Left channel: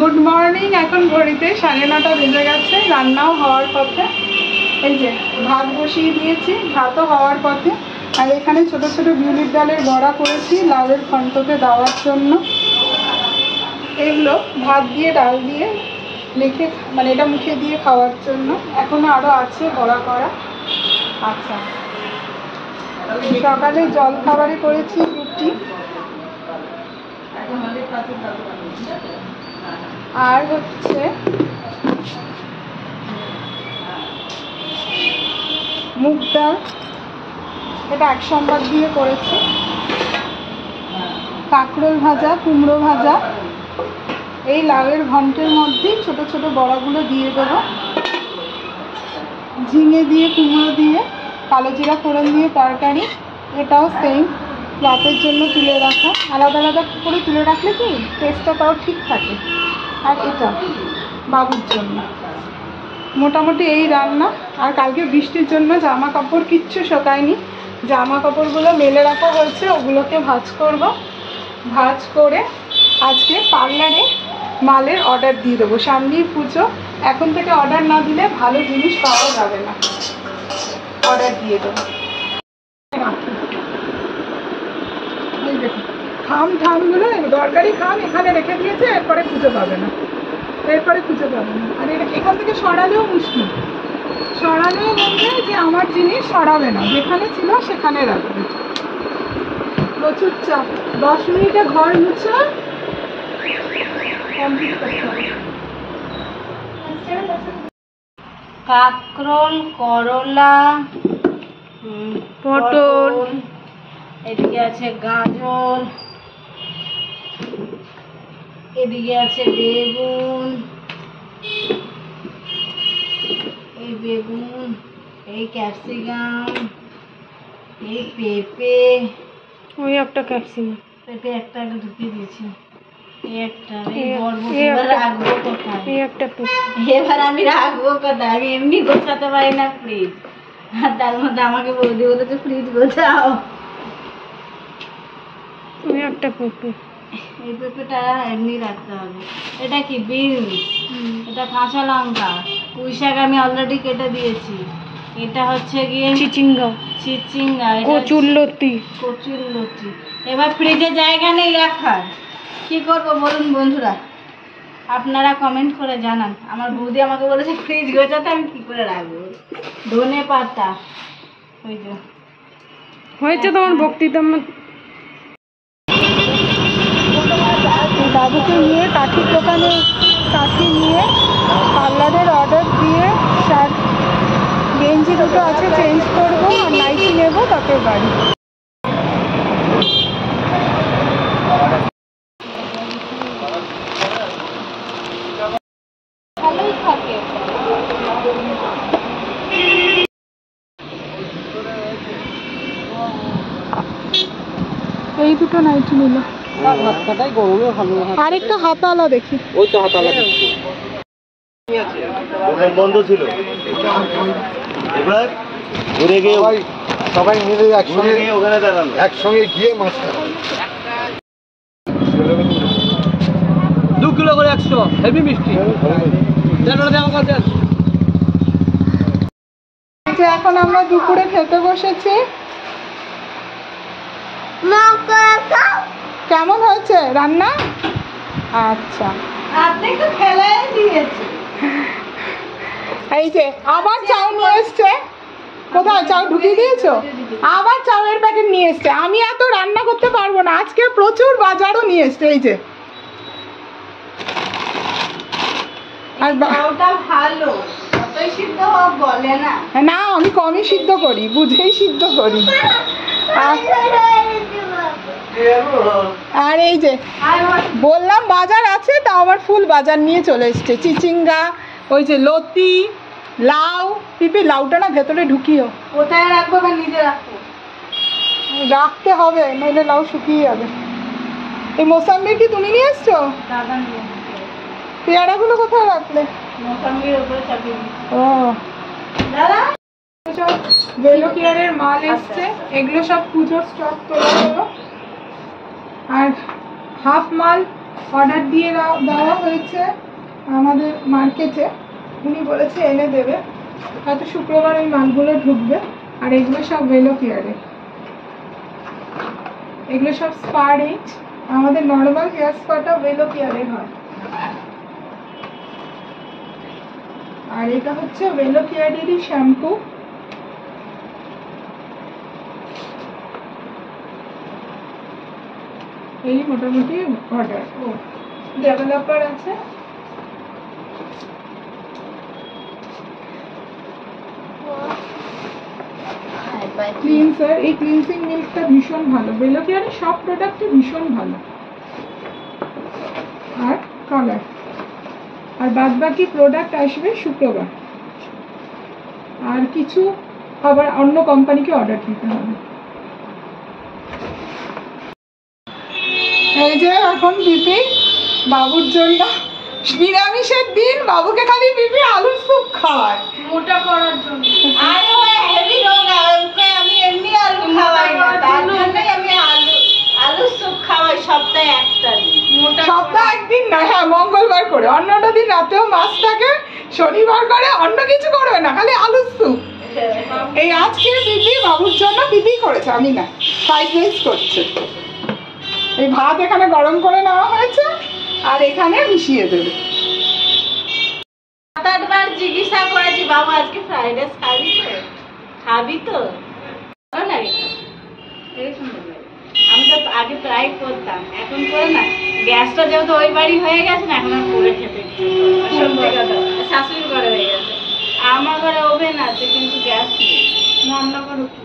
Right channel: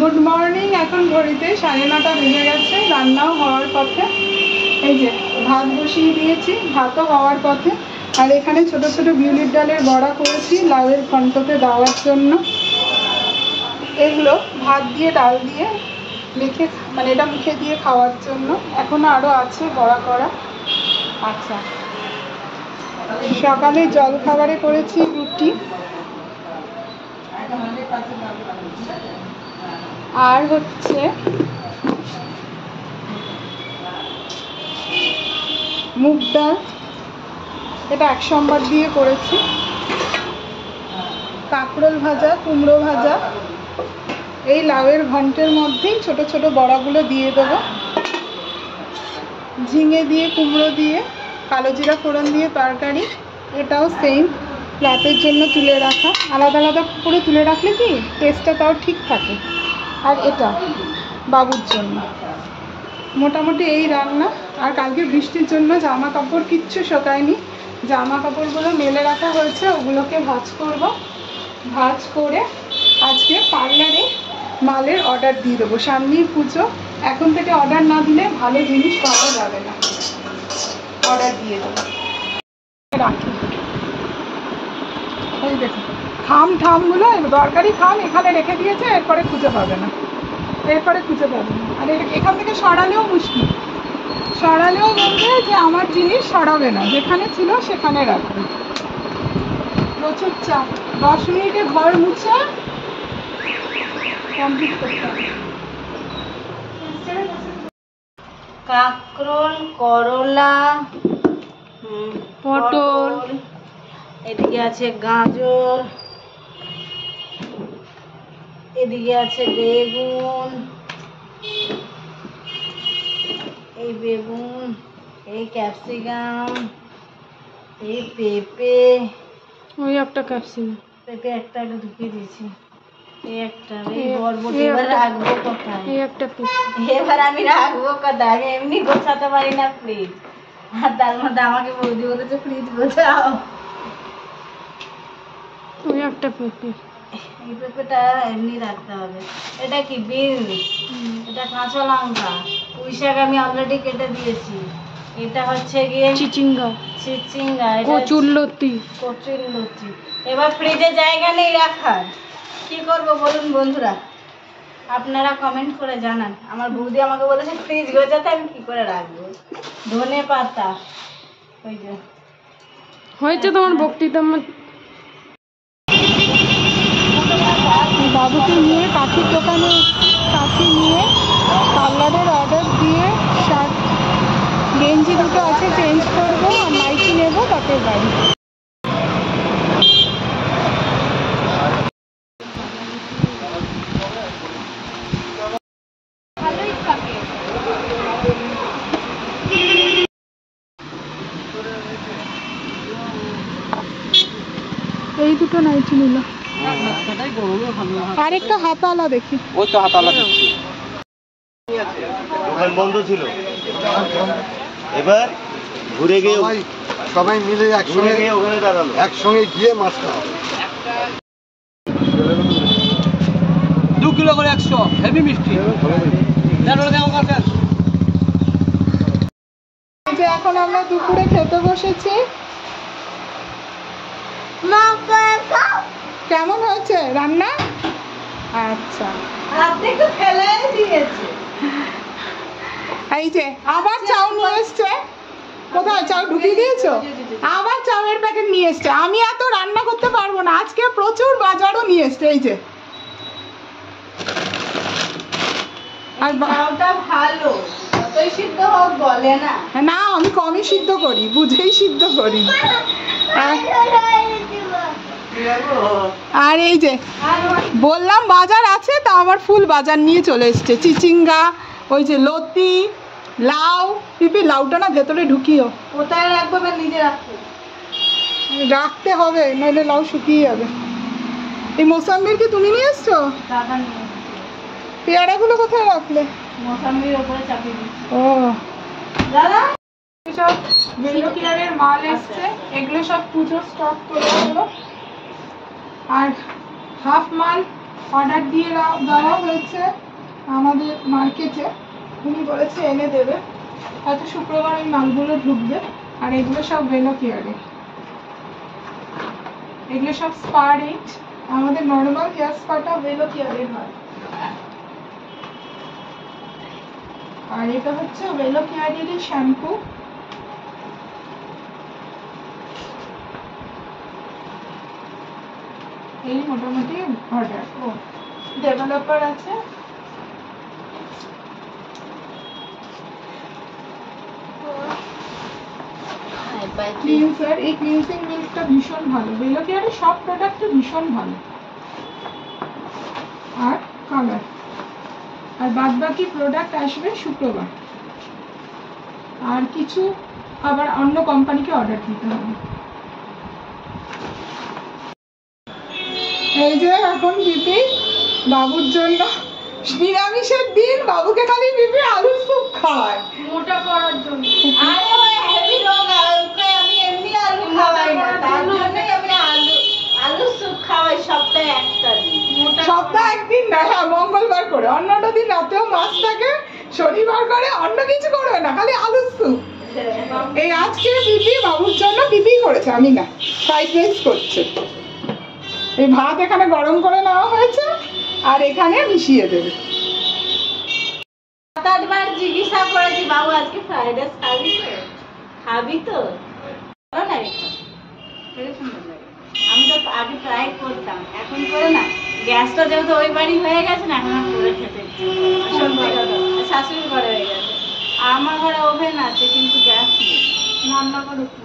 Good morning. এখন ঘড়িতে 9:30 বেজে গেছে, রান্নাও হওয়ার পথে। এই যে ভাত বসিয়ে দিয়েছি, ভাতও হওয়ার পথে। আর এখানে ছোট ছোট বিউলির ডালের বড়া করেছি লাউয়ের ঘন্টতে দেওয়ার জন্য। এগুলো ভাত দিয়ে ডাল দিয়ে মেখে মানে এটা মুখে দিয়ে খাওয়ার জন্য। এখনো আরও আছে বড়া করা। আচ্ছা, সকালে জল খাবারে করেছি রুটি, আর হচ্ছে মুগ ডাল, এটা 1 সম্বার দিয়ে করেছি। কাঁকরোল ভাজা, কুমড়ো ভাজা। এই লাউয়ের ঘন্টের মধ্যেই ছোট ছোট বড়াগুলো দিয়ে দেবো। ঝিঙে দিয়ে, কুমড়ো দিয়ে, কালো জিরা ফোড়ন দিয়ে তরকারি। এটাও সেম, রাতের জন্য তুলে রাখা। আলাদা আলাদা করে তুলে রাখলে কি টেস্টটা তাও ঠিক থাকে। আর এটা বাবুর জন্য। মোটামুটি এই রান্না। আর কালকে বৃষ্টির জন্য জামা কাপড় কিচ্ছু শোকায়নি। জামা কাপড়গুলো মেলে রাখা হয়েছে, ওগুলোকে ভাঁজ করব। ভাঁজ করে আজকে পার্লারে মালের অর্ডার দিয়ে দেবো। সামনেই পুজো, এখন থেকে অর্ডার না দিলে ভালো জিনিস পাওয়া যাবে না। অর্ডার দিয়ে দেবো। রাখি থামগুলো, দরকারি থাম এখানে রেখে দিয়েছে, এরপরে খুঁজে পাবে না। আর এখান থেকে সরালেও মুশকিল। সরালেও বলবে যে আমার জিনিস সরাবে না, যেখানে ছিল সেখানে রাখবে। প্রচুর চাপ। 10 মিনিটে ঘর মুছে কমপ্লিট করতে হবে। কাঁকরোল, করলা, পটল, এদিকে আছে গাজর, এদিকে আছে বেগুন, এই বেগুন, এই ক্যাপসিকাম, এই পেঁপে, ওই একটা ক্যাপসিকাম, পেঁপে একটা ঢুকিয়ে দিয়েছি। এই একটা, এবার রাখবো কোথায়? এই একটা পেঁপে। এবার আমি রাখবো কোথায়? আমি এমনি গোছাতে পারি না ফ্রিজ, আর তার মধ্যে আমাকে বৌদি বলেছে ফ্রিজ গোছাও। ওই একটা পেঁপে। এই পেঁপেটা এমনি রাখতে হবে। এটা কি বিনস, এটা কাঁচা লঙ্কা, পুঁই শাক আমি অলরেডি কেটে দিয়েছি। এটা হচ্ছে গিয়ে চিচিঙ্গা, কচুরলতি। এবার ফ্রিজে জায়গা নেই রাখার, কি করব বলুন বন্ধুরা? আপনারা কমেন্ট করে জানান। আমার বৌদি আমাকে বলেছে ফ্রিজ গোছাতে, আমি কি করে রাখবো? ধনে পাতা, ওই যে হয়েছে তোমার বক্তৃতা। বাবুকে নিয়ে কাঠির দোকানে, কাঠি নিয়ে পার্লারের অর্ডার দিয়ে শার্ট গেঞ্জি দুটো আছে চেঞ্জ করবো, আর নাইটি নেবো, তারপর বাড়ি। এই দুটো নাইটি নিল। আরেকটা হাতালা দেখি। ওই তো হাতালা বন্ধ ছিল। এবার ঘুরে গিয়ে সবাই মিলে একসঙ্গে গিয়ে ওখানে দাঁড়ালো, একসঙ্গে গিয়ে মাছটা 2 কিলো করে 100 হেভি মিষ্টি। এখন আমরা দুপুরে খেতে বসেছি। কেমন হয়েছে রান্না? আচ্ছা, এই যে আবার চাউ নিয়ে এসছে। কোথায় চাউ ঢুকিয়ে দিয়েছো? আবার চাউয়ের প্যাকেট নিয়ে এসছে। আমি এত রান্না করতে পারবো না, আজকে প্রচুর বাজারও নিয়ে এসছে। এই যে আর ভালো, যতই সিদ্ধ হোক বলে না। না, আমি কমই সিদ্ধ করি, বুঝেই সিদ্ধ করি। আর এই যে বললাম বাজার আছে, তা আবার ফুল বাজার নিয়ে চলে এসছে। চিচিঙ্গা, ওই যে লতি, লাউ, পিপি। লাউটা না ভেতরে ঢুকিও। কোথায় রাখবো বা নিজে রাখবো? রাখতে হবে, নইলে লাউ শুকিয়ে যাবে। এই মোসাম্বির কি তুমি নিয়ে এসছো? পেয়ারাগুলো কোথায় রাখলে? মোসাম্বির উপরে চাপিয়ে দিচ্ছি। ও দাদা, সব ভেলো কেয়ারের মাল এসছে, এগুলো সব পুজোর স্টক তোলা হলো। আর হাফ মাল অর্ডার দিয়ে দেওয়া হয়েছে আমাদের মার্কেটে, উনি বলেছে এনে দেবে, হয়তো শুক্রবার ওই মালগুলো ঢুকবে। আর এগুলো সব ভেলো কেয়ারে, এগুলো সব স্পা রেঞ্জ। আমাদের নর্মাল হেয়ার স্পাটা ভেলো কেয়ারের হয়। আর এটা হচ্ছে ভেলো কেয়ারেরই শ্যাম্পু। এই মোটামুটি অর্ডার। ও ডেভেলপার আছে, ক্লিনসার। এই ক্লিনজিং মিল্কটা ভীষণ ভালো, ভেলো কেয়ারের সব প্রোডাক্টই ভীষণ ভালো। আর কালার, আর বাদ বাকি প্রোডাক্ট আসবে শুক্রবার। আর কিছু আবার অন্য কোম্পানিকে অর্ডার দিতে হবে। এই যে এখন বিপি বাবুর জন্য নিরামিষের দিন, বাবুকে খালি বিপি আলুর স্যুপ খাওয়ায় মোটা করার জন্য। আরে ওই হেভি রোগা, ওকে আমি এমনি আলু খাওয়াই না, তার জন্যই আমি আলু স্যুপ খাওয়াই সপ্তাহে একটা দিন। সপ্তাহে একদিন না, হ্যাঁ মঙ্গলবার করে, অন্যটা দিন রাতেও মাছ থাকে, শনিবার করে অন্য কিছু করবে না, খালি আলুর স্যুপ। এই আজকে বিপি বাবুর জন্য বিপি করেছে, আমি না, ফ্রাইড রাইস করছে। এই ভাত এখানে গরম করে নেওয়া হয়েছে আর এখানে মিশিয়ে দেবে। 7-8 বার জিজ্ঞাসা করেছি, বাবু আজকে ফ্রাইড রাইস খাবি তো, খাবি তো না রে, আমি তো আগে প্রায় করতাম, এখন করে না। গ্যাসটা যেহেতু ওই বাড়ি হয়ে গেছে না, এখন আর করে খেতে ইচ্ছে করে না, সত্যি কথা। শাশুড়ি ঘরে হয়ে গেছে, আমার ঘরে ওভেন আছে কিন্তু গ্যাস নেই, রান্না করো কি?